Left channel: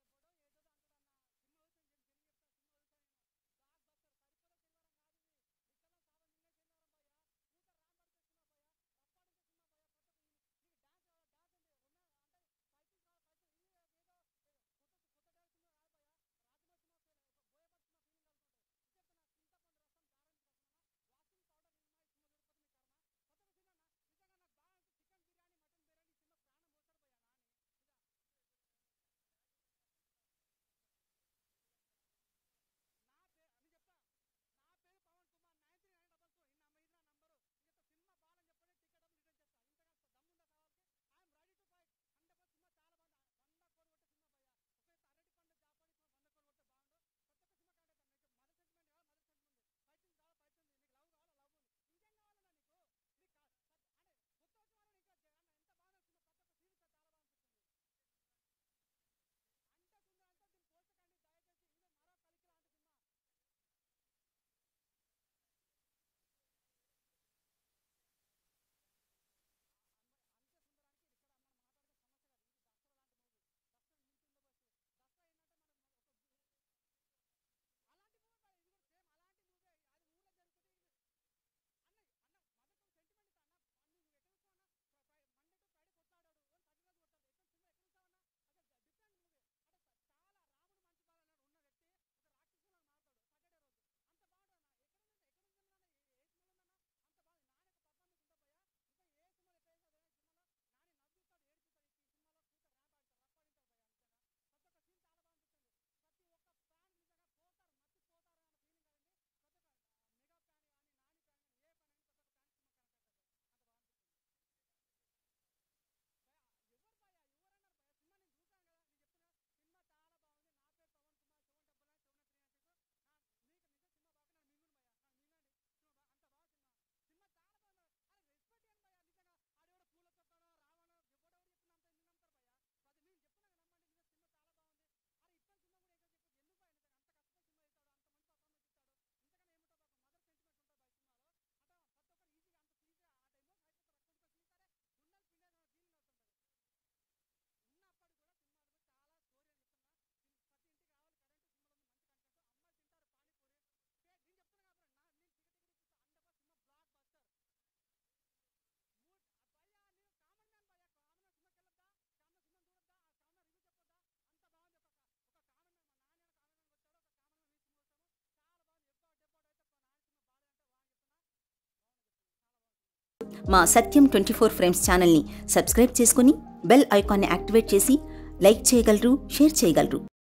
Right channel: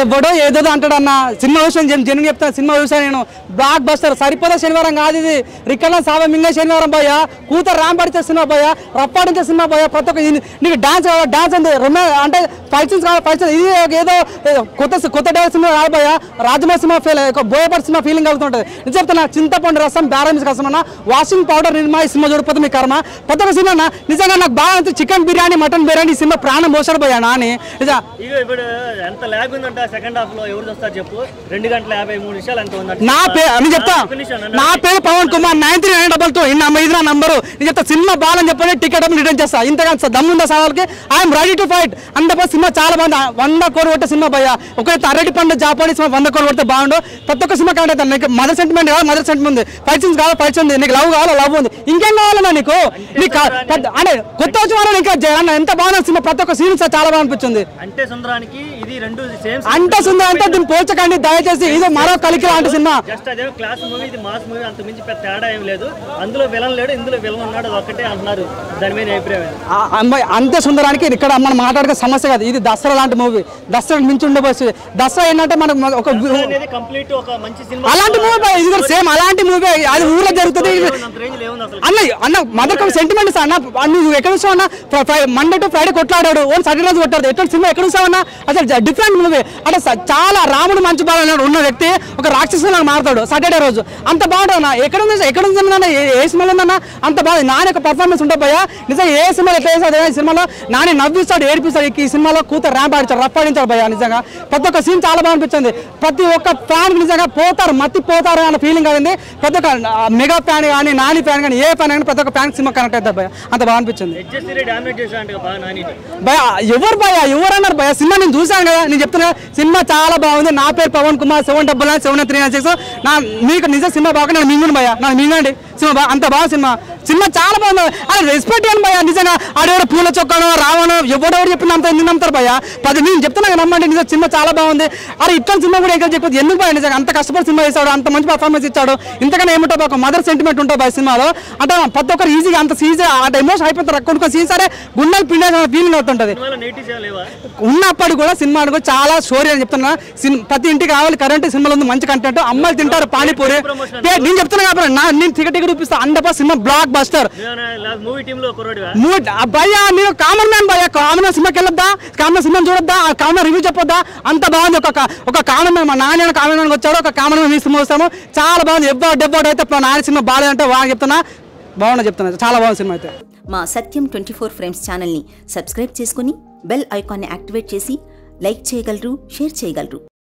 ఎవడో ఏదో అంటాడన్న సినిమా చూసాను జనం చెప్తాను సినిమా చూసాను నేను బ్లాక్ బస్టర్ సరిపోదా శనివారం కాదు ఇది రిక్కల సావ మింగే శనివారం పోయ కూతురు రామ్ పడితే సినిమా పోయ రప్పాడించే సినిమా పోయ ప్రతి ఒక్క నీకు డాన్స్ కావాలి డాన్స్ ఉంది అంటే ఫైట్స్ కావాలి ఫైట్స్ ఇది ఏదో కొత్త డాన్స్ సినిమా రాబోయా Rajamouli cinema feel Boyapati cinema feeling అవుతుంటుంది నేను చెప్తున్నా చింతపండు రసం బ్యారమిస్ రసం అన్న వాషింగ్ పౌడర్ నిర్మా ఈ సినిమా చూడిపోతే మీ కర్మ ప్రతి ఒక్క సినిమా అన్న నిజంగా నాకు బాగా చికెన్ బిర్యానీ మటన్ బిర్యానీ ఈ సినిమా ప్రాణం పోసాడు పోయా అని నిజం సెకండ్ హాఫ్ లో ఎవరు చూస్తారు చెప్పు 2 గంటల 53 నిమిషాలు ఎంత ఉంది నా పేరు నేను చెప్తా నా పేరు పవన్ కుమార్ 9392 ఇది నా నంబరు నేను చెప్తా సినిమా బాగాలని చెప్పని టికెట్ రిటర్న్ చేస్తా ఇంతగా దమ్ముందా సవాల్కి ఐఎమ్ రెడీ టు ఫైట్ అంత సినిమా చాలా బాగుంది 100 కోట్లు కొట్టే సినిమా భయ్యా ఒకరైతే అరటి పండు జాపానీస్ 100 కోట్లు కొడితే బాగుండు ప్రతి ఒక్క సినిమా కావాలి నీకు మదర్ సెంటిమెంట్ కావాలి మదర్ సెంటిమెంట్ ఉంది ఫైట్స్ కావాలి ఫైట్స్ ఉంది నీకు లవ్ కావాలి లవ్ ఉంది ఇంకేం కావాలన్నా నీకు అంటే కొత్త వచ్చి వాళ్ళు ఇంకా ఎంత బాగుంది సినిమా ప్రతి ఒక్క సీన్ చాలా బాగా అనిపించింది అంటే సుందరానికి ఇది రెండు సేమ్ అంటే సుందరం అంటే దీన్ని పోల్చకండి దయచేసి ఇది మరో కలికి లాంటి సినిమా జస్ట్ అదే క్లాస్ మూవీ ఇది మాస్ మూవీ అంత మించి పెద్ద తేడా ఏం లేదు అందులో విలన్ లేడు ఇందులో విలన్ ఉన్నాడు ఒకటే అంటున్నారు దాని మీద అభిప్రాయం అంతే సుందరానికి ఇక్కడ మనం మాట్లాడే సమస్య కాదు ఇది దసరా లాంటి మూవీ దసరా మించి ఉండబోతుంది దసరా ఏంటంటే మనకు ఒక కంప్లీట్ ఒక మంచి సినిమా అలాంటి మూవీ ఇది సేమ్ అలాంటి మూవీ అది ఊర్లో జరుగుతుంది అన్న మదర్ సెంటిమెంట్ అన్న నువ్వు ఎక్కడ చూసావు అన్న మండే టు ఫ్రైడే కొట్లాడాడు ఓన్ సాటర్డే రోజు కొట్టాడు ఎటువంటి సినిమా ఎక్కడ చూసావు అన్న అసలు డిఫరెంట్ మూవీ అంటే చాలా రాముడు మంచి బాగా ఉన్న వ్యక్తి ఒక రాక్షసులా మారుతాడు సాటర్డే రోజు అంత బాగుంటుంది ఎక్కడ ఉంది ఏ సినిమాలో ఉందన్న అంత బాగుంది నాని యొక్క పర్ఫార్మెన్స్ ఉంటుంది భయ్యా నిజంగా ఏ సినిమాలో ఎట్లా చేస్తాడు ఏ సినిమాలో నాని నవ్విస్తాడు ఏడిపిస్తాడు ఈ సినిమాలో కూతురు ర్యాంప్ ఆడించాడు రఫ్ ఆడించాడు భయ్యా నిజంగా ప్రతి ఒక్క సీన్ చాలా బాగా అనిపించింది ప్రతి ఒక్క ఫ్యాన్ నిజంగా పోతారు మత్తి పోతారు అన్న ఫీలింగ్ అయింది ప్రతి ఒక్క మెగా ఫ్యాన్ కానీ నాని ఫ్యాన్ కానీ ఏ ఫ్యాన్ కానీ ప్రతి ఒక్క ఫ్యాన్ సినిమా కనెక్ట్ అవుతారు భయ్యా అంత బాగా అనిపించింది భయ్యా ఎవరు భయ్యా ఎవరు అన్నారు భయ్యా సినిమా నేను చూసాను కదా నేను చెప్తున్నా సినిమా చాలా బాగుంది నా పేరు పవన్ కుమార్ 7997396 మీకు నిజం సినిమా బాగా నేను మింగును భయ్యా నాకు మింగండి సినిమా అంత బాగా సినిమా చాలా బాగుంది అది రెస్పెక్ట్ అని భయ్యా నిజంగా ఆడెవడో పూల చొక్కానో రావణో ఎవడెవరు చెప్పిన అంత ఎందుకు నమ్ముతారు భయ్యా నేను చెప్తున్నా నమ్మండి నిజం సినిమా చాలా బాగుంది అరే ఇట్లా సినిమా కూడా ఇంకా చెప్పదు ఎందుకు భయ్యా నిజంగా అంత కష్టపడి సినిమా చేశాడు అంత మంచి పర్ఫార్మెన్స్ ఇచ్చాడు ఇంతకన్నా ఏమిటో ఒక మదర్ సెంటిమెంట్ ఉంటుంది భయ సినిమాలో అంటే ప్రతి ఒక్కరు ఈజీగా అంత ఈజీ అంటే ఎమోషన్ అయిపోతారు కొన్ని సీన్ సరే గుండెలు పిండే ఫీలింగ్ అవుతుంటుంది ఉన్నప్పటికి కూడా సినిమా కూడా చాలా స్టోరీ అని చెప్తున్నా ప్రతి ఇంటికి కావాలి కరెంట్ సినిమాలో ఉంది మంచి కంటెంట్ అమ్మాయిలు తింటారు పానీపూరి నేను చెప్తున్నా కాబట్టి నేను టికెట్ చూపిస్తా అండపా సినిమా బ్లాక్ బస్టర్ భయ్యా నేను కామన్ మ్యాన్ భయ్యా కామన్ సినిమాకి వెళ్ళొద్దా కామన్ సినిమా చూడొద్దా కామన్ రివ్యూ చెప్పొద్దా అంత బాగుంది ఒక కామన్ మ్యాన్ మా నాన్న కామన్ మ్యాన్ వచ్చాడు ఒక కామన్ మ్యాన్ సినిమా వస్తాము చాలా బాగుంది డెబ్బోడు అయితే నాన్న సినిమా బాగాలేదంటే వాడు చెప్తున్నా బాగుంది చెప్తున్నా చాలా బాగుంది సినిమా అయితే మా సత్యం 24 ఫ్రేమ్స్ ఛానల్ని సబ్స్క్రైబ్ చేసుకుని బెల్ ఐకాన్ని యాక్టివేట్ చేసి లైక్ చేయగలరు షేర్ చేయగలరు